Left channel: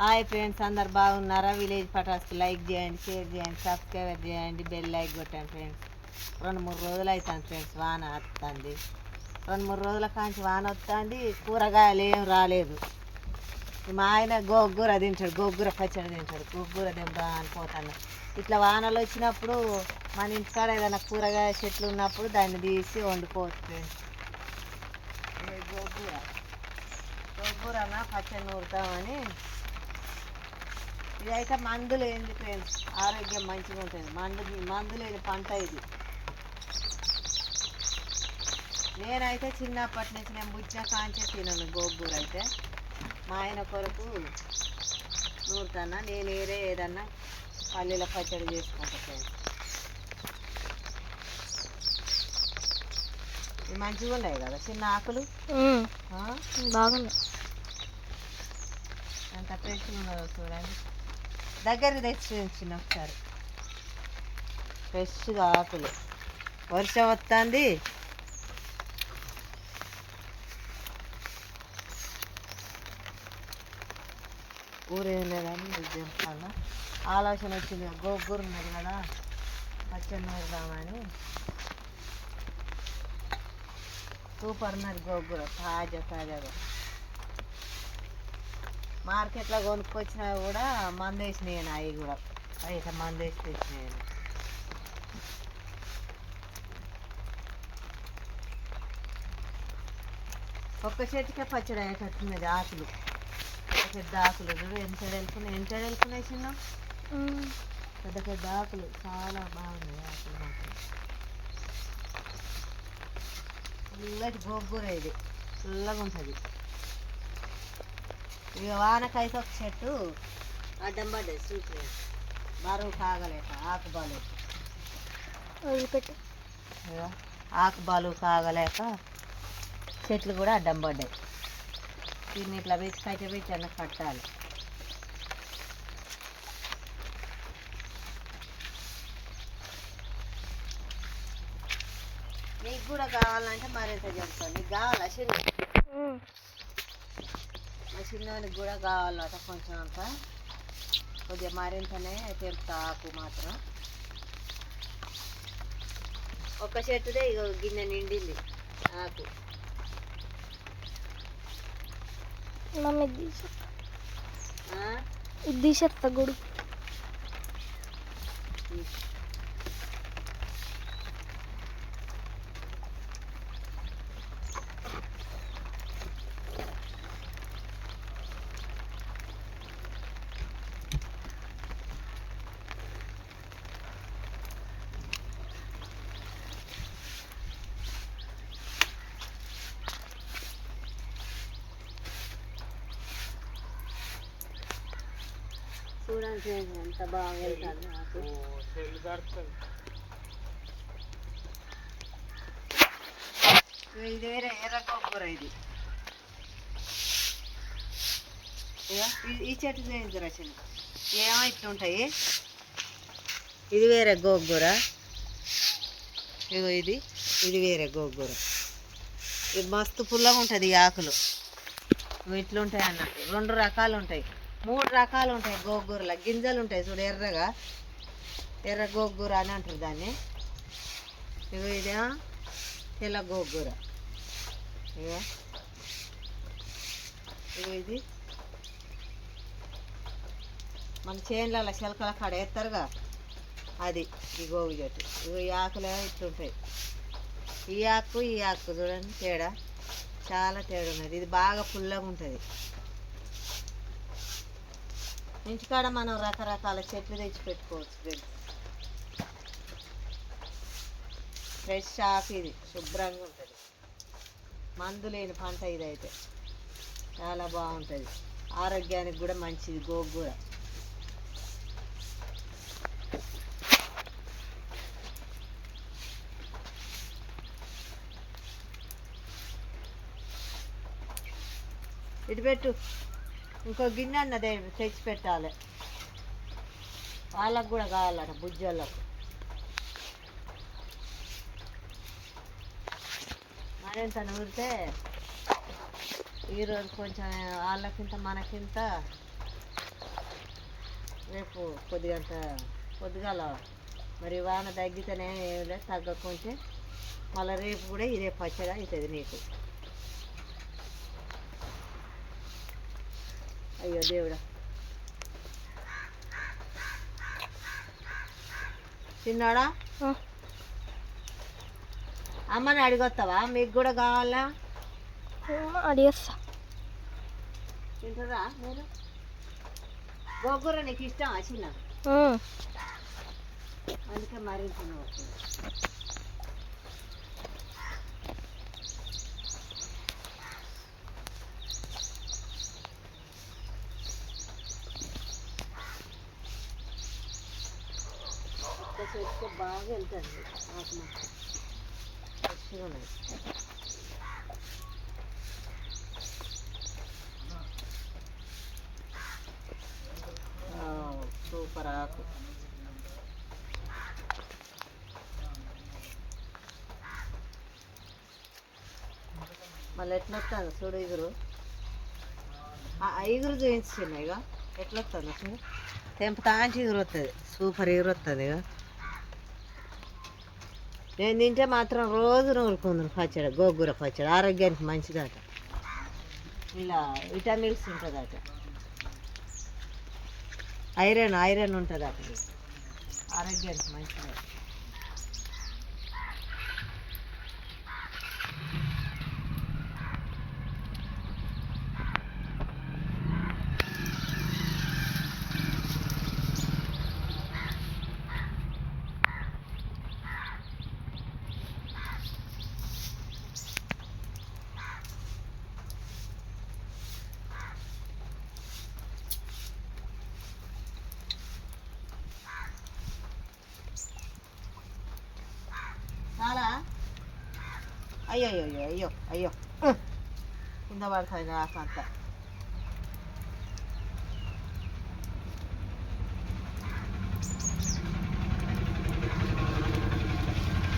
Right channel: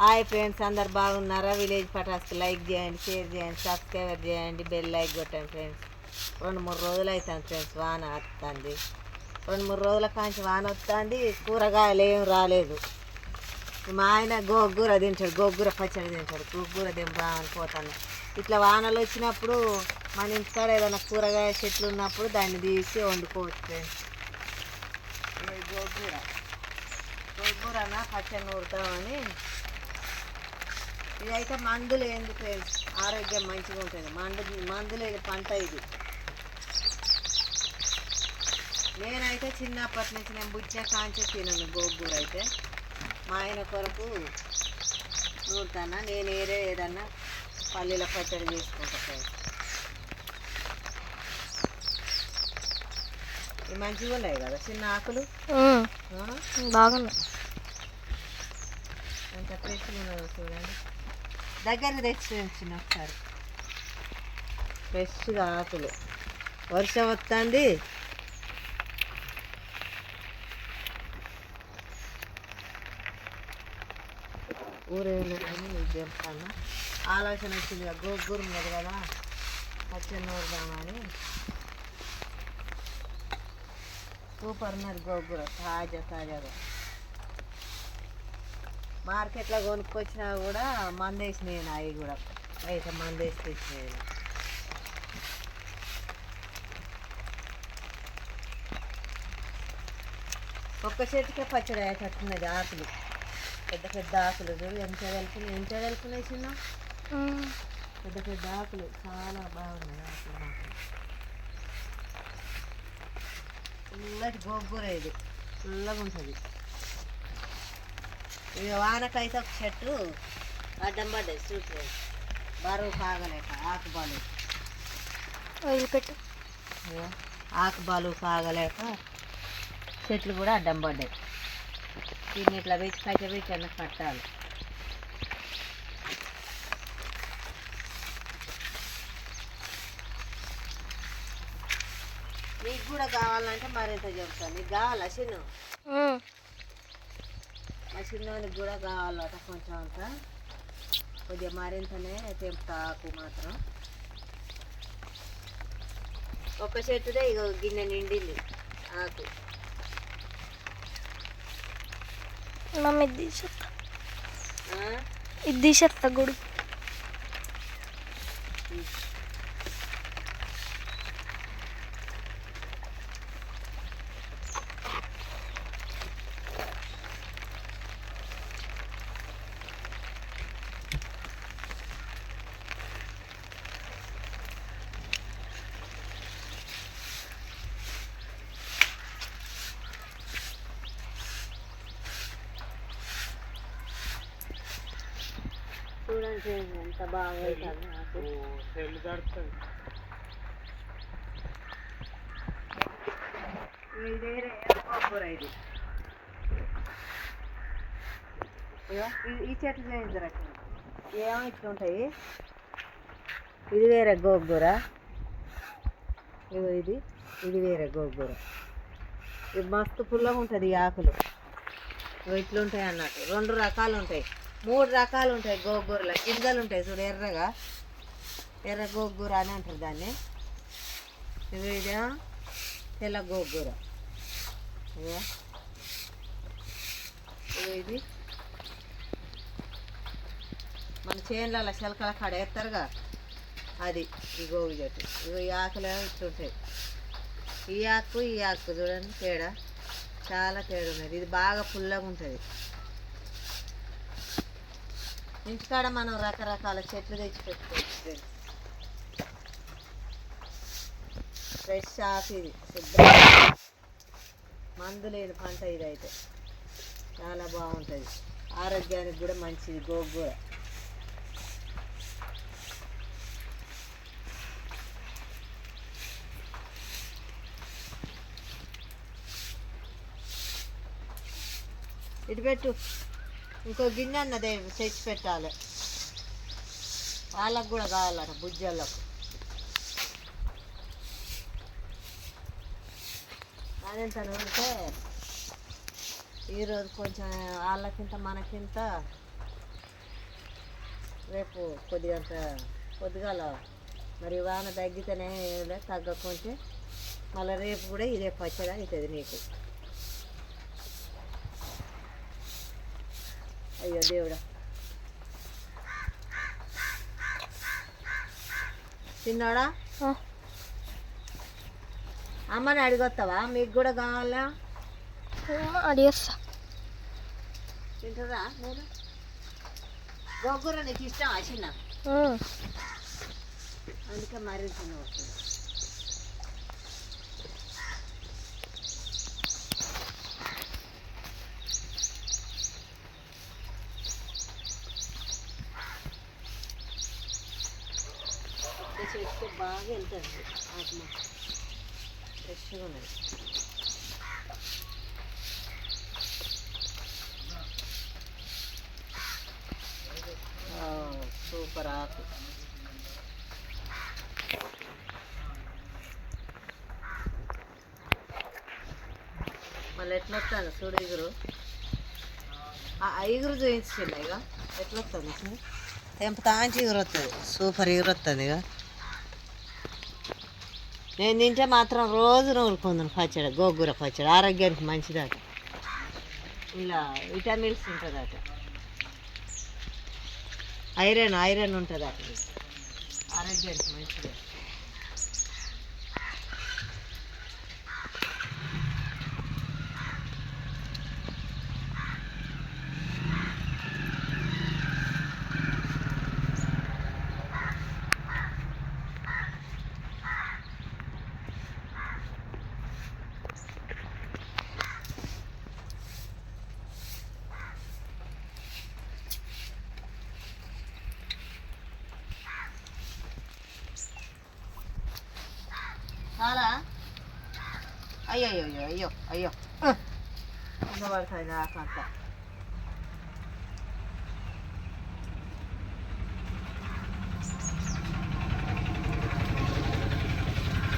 Hi friends అందరు బాగున్నారా? Village ఫటాస్కి లైక్ చేయండి షేర్ చేయండి సబ్స్క్రైబర్ చేయండి బెల్ లైక్ కొట్టండి ఫ్రెండ్స్. రెండు మూడు రోజులు అవుతాను ఫ్రెండ్స్ వాన వస్తుంది రెండు మూడు రోజుల కాంచి వాన వస్తుంది కూరగాయలు ఏం రాలేదు. మా ఆయన గోగూర తింటాడు గోగూర పచ్చడి తింటాడు గోగూర తింటా అని పోతాను. ఇట్లా వానలు వచ్చినప్పుడు మన ఇంటికాడ ఏదైనా కూరగాయ చెట్లు ఉన్నప్పుడు దాన్ని తీసి వండుకోవచ్చు ఫ్రెండ్స్. ఇది గోగూర. గోగూరన? పచ్చడి నూరుతామని ఇదైతే మందులు ఏంది ఫ్రెండ్స్ ఆరోగ్యం మంచిగా ఉంటుంది. మందు మందులు లేని పంట ఇది. నేనైతే చిన్నప్పటి నుంచి నేను బుజ్జ కాంచే తినను గోగూర అయితే. మా ఆయన కొరకు నూరుతానా? నేను ఏరే ఏదన్నా పల్లీల పచ్చడి చేసుకుంటా ఫ్రెండ్స్ ఇవి మంచిగా ఉన్నాయి కదా? చిన్న ఆకులు? బాగుంది ఎంత ఫ్రెష్గా ఉన్నదో చూడండి. దగ్గర తెచ్చి ఉంచిన ఒకసారి. ఫ్రెష్గా ఆకులు. వర్షం వస్తుంది. ఊరేళ్ళని చెప్తాను. ఆలోచన వచ్చింది కదా, గోగూర ఉన్నది కదా పచ్చడి సూపర్ ఉన్నది గోగూర తాజా తాజాగా. మార్కెట్లో కొనుక్కొచ్చినా కూడా మందేసి నేను అవి కూడా. అయితే మందేసి తెచ్చి నేను ఒక్క చెట్టుకే పచ్చడి అయ్యేటట్టున్నది ఆకులు పెద్ద పెద్ద ఆకులు చూడు ఎంత వెళ్తున్నాయి ఎంత వెళ్తున్నాయి చిన్న? పెద్ద పెద్ద ఆకులు చాలా బాగున్నాయి ఆకులు మాత్రం. ఫుల్లటి గోగూర ఇది. ఫుల్లగా ఉంటుంది ఇక వానకైతే ఒక చెట్టు అడ్డం పడ్డది చూసి బరువు కాగలేక ఆకు బాలు వదిలిపెట్టు ఆకు బాలు కాగలేక చెట్లు కూడా అడ్డం పడ్డాయి. దీన్ని ఇట్లా పెట్టి కట్ట పెట్టి అన్న కట్టాలి. మీకు కూడా కావాలంటే మరింత చెప్తాను. నీకు కావాలా చిన్న మా చిన్నోనికి కూడా కావాలట కొంచెం అంత. కొద్దిగా మరింతనే తెంపుతా ఆకు మాత్రం. ఒక చెట్టుదే ఇక గిన్నె నిండింది ఆకు. మమ్మీ ఇది తీసేస్తా ఆ? ఇది తీసేస్తా గుడి. ఎంత బాగా ఇది వేరే ఇది? ఇగో ఈ- ఈ చెట్లు చేయించరా చిన్న. ఏమో ఇట్లుంటాయి? ఇది వేరే గోగూర. ఇగో ఇది. ఇది వేరే గోగూర. ఇది మస్తు పుల్లగా ఉంటుంది ఈ ఆకులు. ఇట్లుంటాయి అన్నట్టు. రెండు రకాలు ఉంటాయి మూడు రకాలు ఉంటాయి గోగూరల. గింజలు ఉంటాయి చూడు ఎర్రగా. ఎర్ర గోగూర అని అంటారు దాన్ని. ఇవి ఇదేమో తెల్ల గోగూర. ఇగో ఇవి ఇది. మన చేనులలో శలకల కాడ వేస్తారుగా అది ఈ గోగు చెట్టు ఇవి ఈ ఆకులు ఇట్లుంటాయి ఈ ఆకు ఈ ఆకు చూడండి తేడా. చాలా తేడా ఉన్నది. ఇది బాగా పుల్లగా ఉంటుంది. ఇంటికాడ మనం రకరకాల చెట్లు తెచ్చి పెట్టుకోవచ్చు ఫ్రెష్ ఆకు ఇది శుభ్రం. మందు లేని పంట ఇదైతే. చాలా బాగుంటుంది. ఆరోగ్యానికి కూడా మంచిది గోగూర ఇటు పెట్టు. ఇంకో గిన్నె అన్నదే తెచ్చి పెట్టాలి. వాళ్ళకు కూడా కావాలట బుజ్జోళ్ళకు. మరింత నూరితే ఈరోజు కొంచెం వాళ్ళకింత మనకింత. రేపు కొద్దిగంత పొద్దుగాల మరి వాన తగ్గితేనే ఏం లేదు తగ్గకుంటే మళ్ళీ రేపు కూడా ఇదే పచ్చడి అవుతుంది నీకు. అయ్యో దేవుడా చిన్నాడా ఆ, అమ్మని అడిగొస్తావా మీకు కూడా కావాలా? అడిగేస్తా. తింటారా మీరు? గోంగూర నీకు ఇష్టం ఉమ్, అందుకే మరీ చెట్టు బాగా వెళ్తుంది ఆత్మ. ఫ్రెష్గా ఉన్నది సూపర్ ఆకు. మళ్ళీ ఎట్లా వస్తుంది చూడు ఇగురు ఆ ఇగురు చూపించింది ఇక ఎట్లా వస్తుంది చూడు? తెంపుతాంచి ఇగురు వస్తుంది సూపర్ ఇగురు వస్తుంది ఇక నేను తింటే మాత్రం రోజు నూరుకుందును పచ్చడి గోంగూర పచ్చడి. ఆరోగ్యానికి మంచిదట. ఇలా విటమిన్స్ ఉంటుందట. ఐరన్ ఐరన్ ఉంటుందట. అట ఆరోగ్యానికి మంచిది చాలా అయ్యో అయ్యో అయ్యో అయ్యో కింద పడుతుంది నాకంత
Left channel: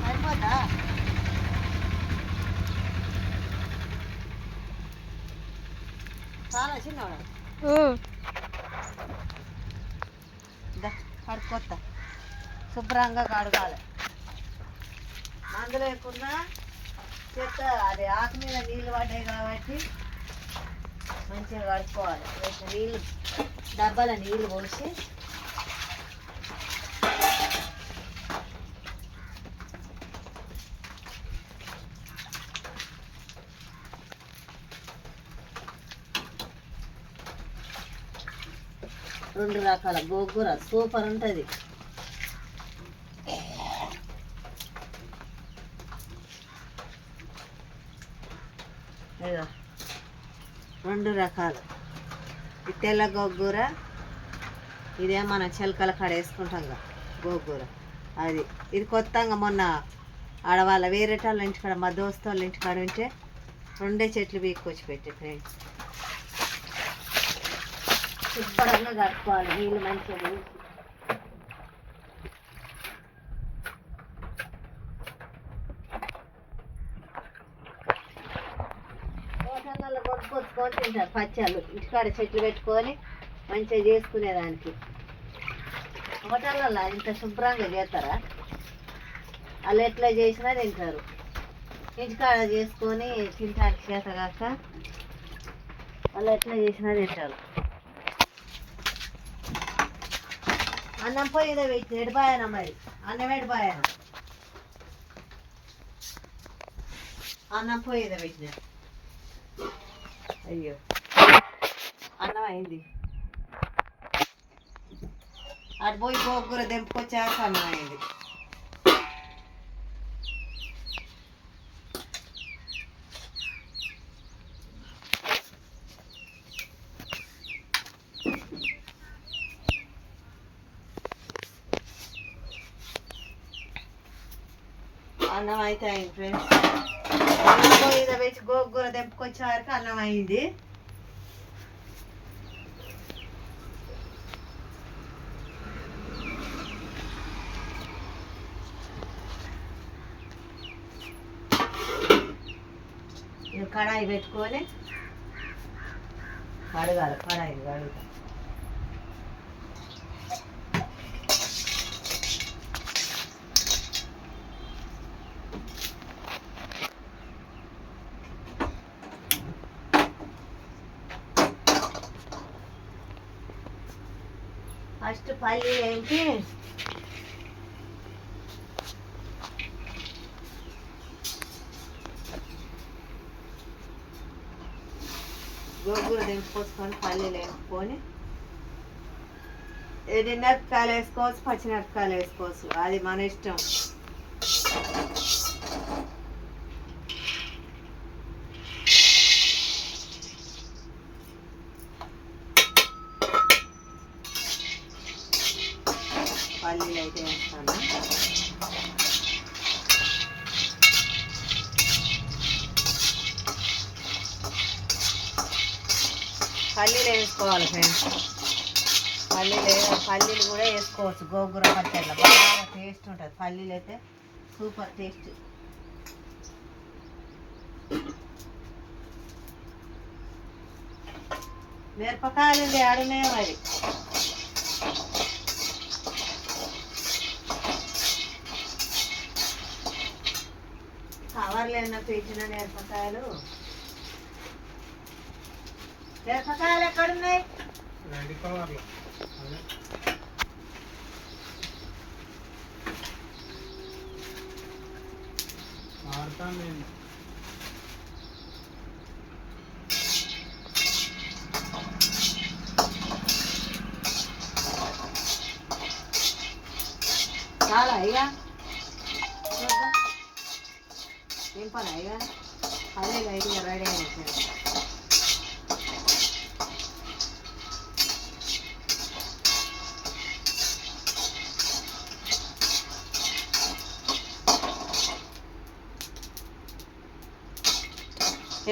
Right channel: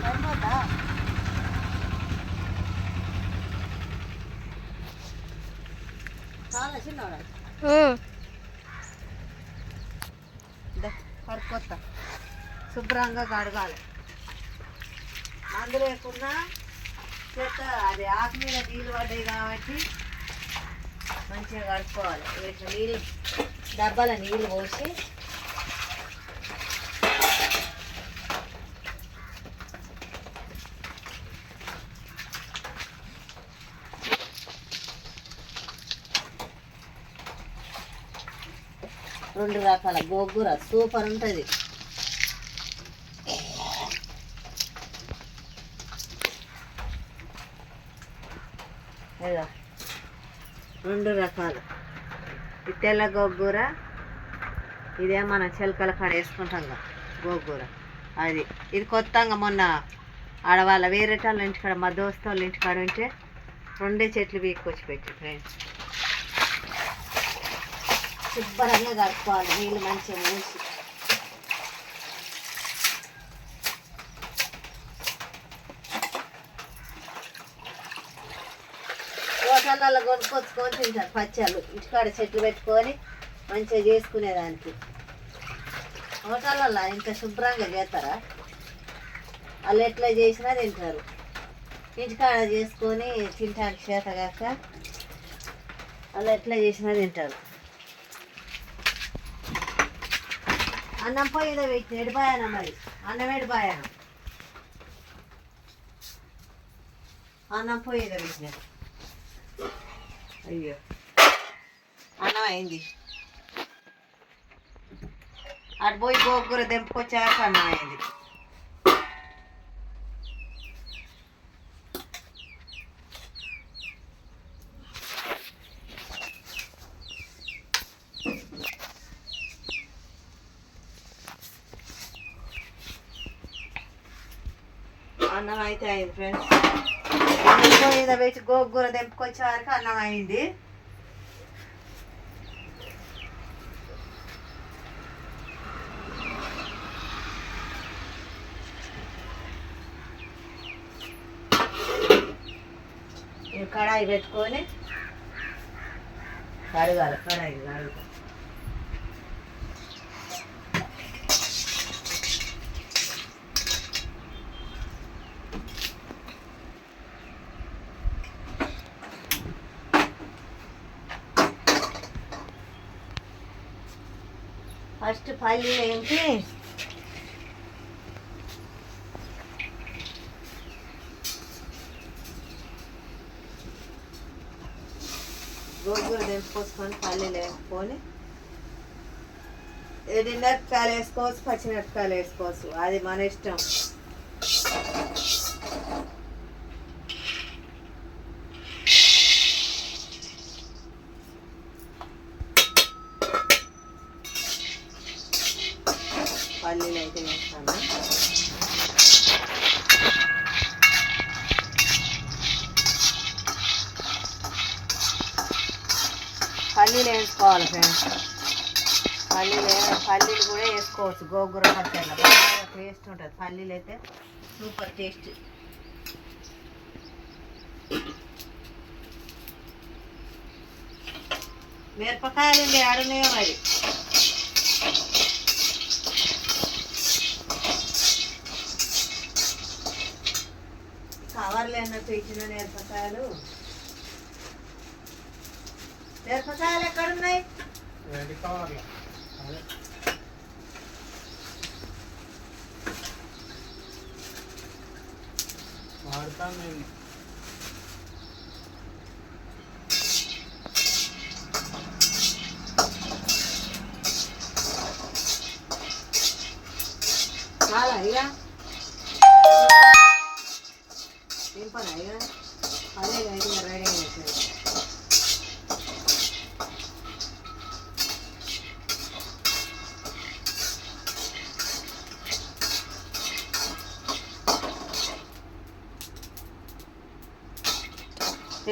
సరిపోతా చాలా చిన్నవాడు. కడుక్కొత్త శుభ్రంగా కడగాలి. మందు లేకుండా చెత్త అది ఆకు మీద నీళ్ళు పడ్డాయి కాబట్టి మంచిగా కడుక్కోవాలి. ఇట్లా నీళ్ళు డబ్బాల నీళ్ళు పోసి రెండు రకాల గోంగూర సూపర్ ఉంటుంది. రెండు రకాలు. తెల్ల గోంగూర ఇదే మన చిలకల కాడ వేసుకుంటాం కదా గోంగూర. అది ఇది కొత్తగా మొన్న ఆడవాళ్ళ వేరే ఇంటికాడ మా దోస్తు వాళ్ళ ఇంటికాడ ఉంటే రెండే చెట్లు పీక్కొచ్చి పెట్టి ఫ్రెండ్స్. శుభ్రంగా కడుక్కోవాలి నీళ్ళు మంచిగా మూసి హోటళ్ళల్లో కొనుక్కొచ్చుకొని తింటారు పచ్చళ్ళు. ఇంటికాడ చెట్లు పెట్టుకొని మంచిగా చేసుకునేదానికి. హోటళ్ళల్లో ఇంత శుభ్రంగా చేస్తారా? వాళ్ళు ఎట్లా చేసినా తింటారు. ఇంటికాడ చేసుకొని తింటానికి చేత కాక వాళ్ళు ఎట్లా చేసినా తింటారు. అన్నం పోయిన పెట్టి ఎడిపాయన మరి. అన్నం ఎడిపాయన. అన్నం పోయేదా పెట్టినారు అయ్యో. అన్నం అయింది అటు పోయి గోకూర దింపుకొచ్చాక అన్నం అయింది అన్నం అయితే అయింది ఫ్రెండ్స్. మీద పెట్టి గోగూర తెంపుకొచ్చే వరకు అన్నం అయింది. కడాయి పెట్టుకొని కడగాలి కడాయి కడుగుతాం. ఫస్ట్ పల్లీలు ఏంటి గోంగూర దింపుకొసుకొని పల్లీలు వేసుకొని ఎండిమిరపకాయలు వేసుకోవచ్చు పచ్చిమిరపకాయలు వేసుకోవచ్చు అది మన ఇష్టం పల్లీలు అయితే వేస్తాను. పల్లీలు వేసుకోవాలి ఫ్రెండ్స్. పల్లీలు పల్లీలు కూడా వేసుకోవచ్చు. గోంగూర పచ్చడిలో బాగా టేస్ట్ ఉంటుంది. పల్లీలు అయితే సూపర్ టేస్ట్. మిరపకాయలు ఏడున్నాయో మరి? కవర్లు అన్నట్టు ఇచ్చిన మిరపకాయలు మిరపకాయలు ఎక్కడున్నాయి?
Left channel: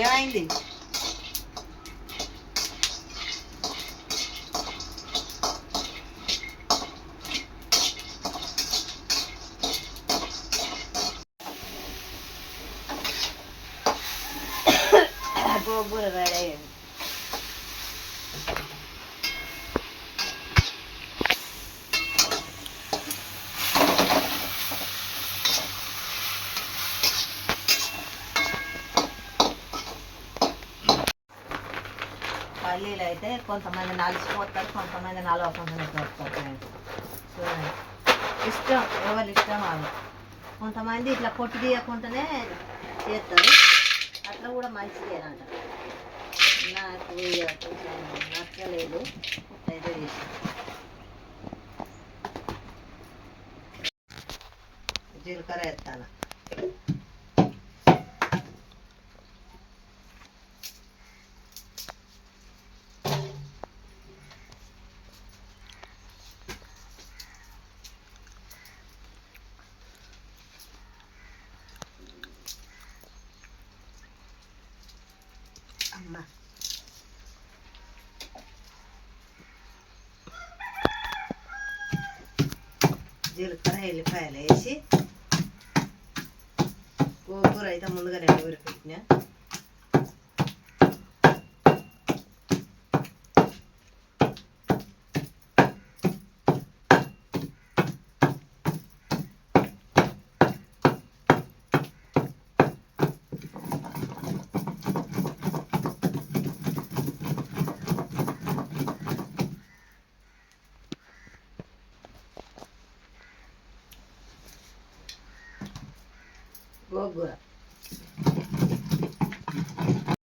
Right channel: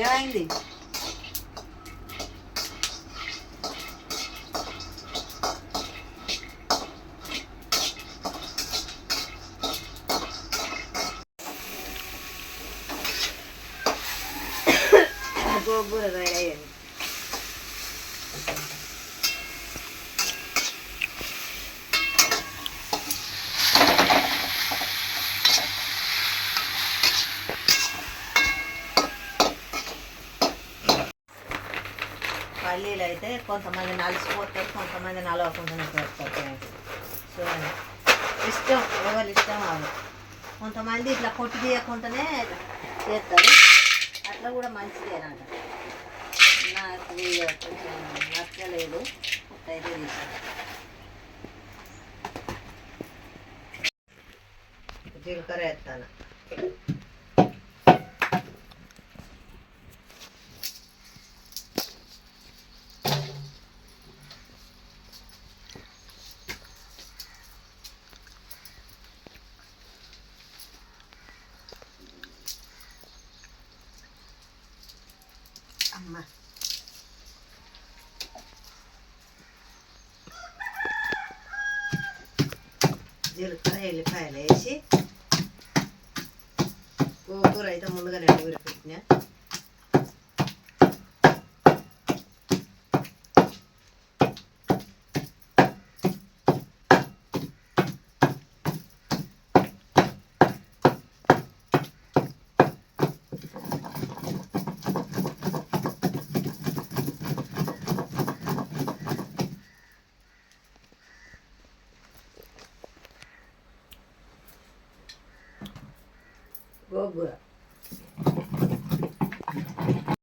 ఏమైంది గోంగూర రెడీ అయింది పల్లీలు అయితే కొంతమంది నలిసిపోతారు కొంతమంది నలవకుండా చేస్తారు సో ఇష్టం ఎవరి ఇష్టం వాళ్ళు కొంతమంది ఇట్లా పొట్టు తీయకుండానే చేస్తారు అట్లా కూడా మంచిదేనంట నాకు కొంచెం నచ్చలేదు. అయితే తీసాను జీలకర్ర వేస్తాను. జీలకర్ర ఎల్లిపాయలు వేసి గోంగూర అయితే ముందుగా నేను పెట్టిన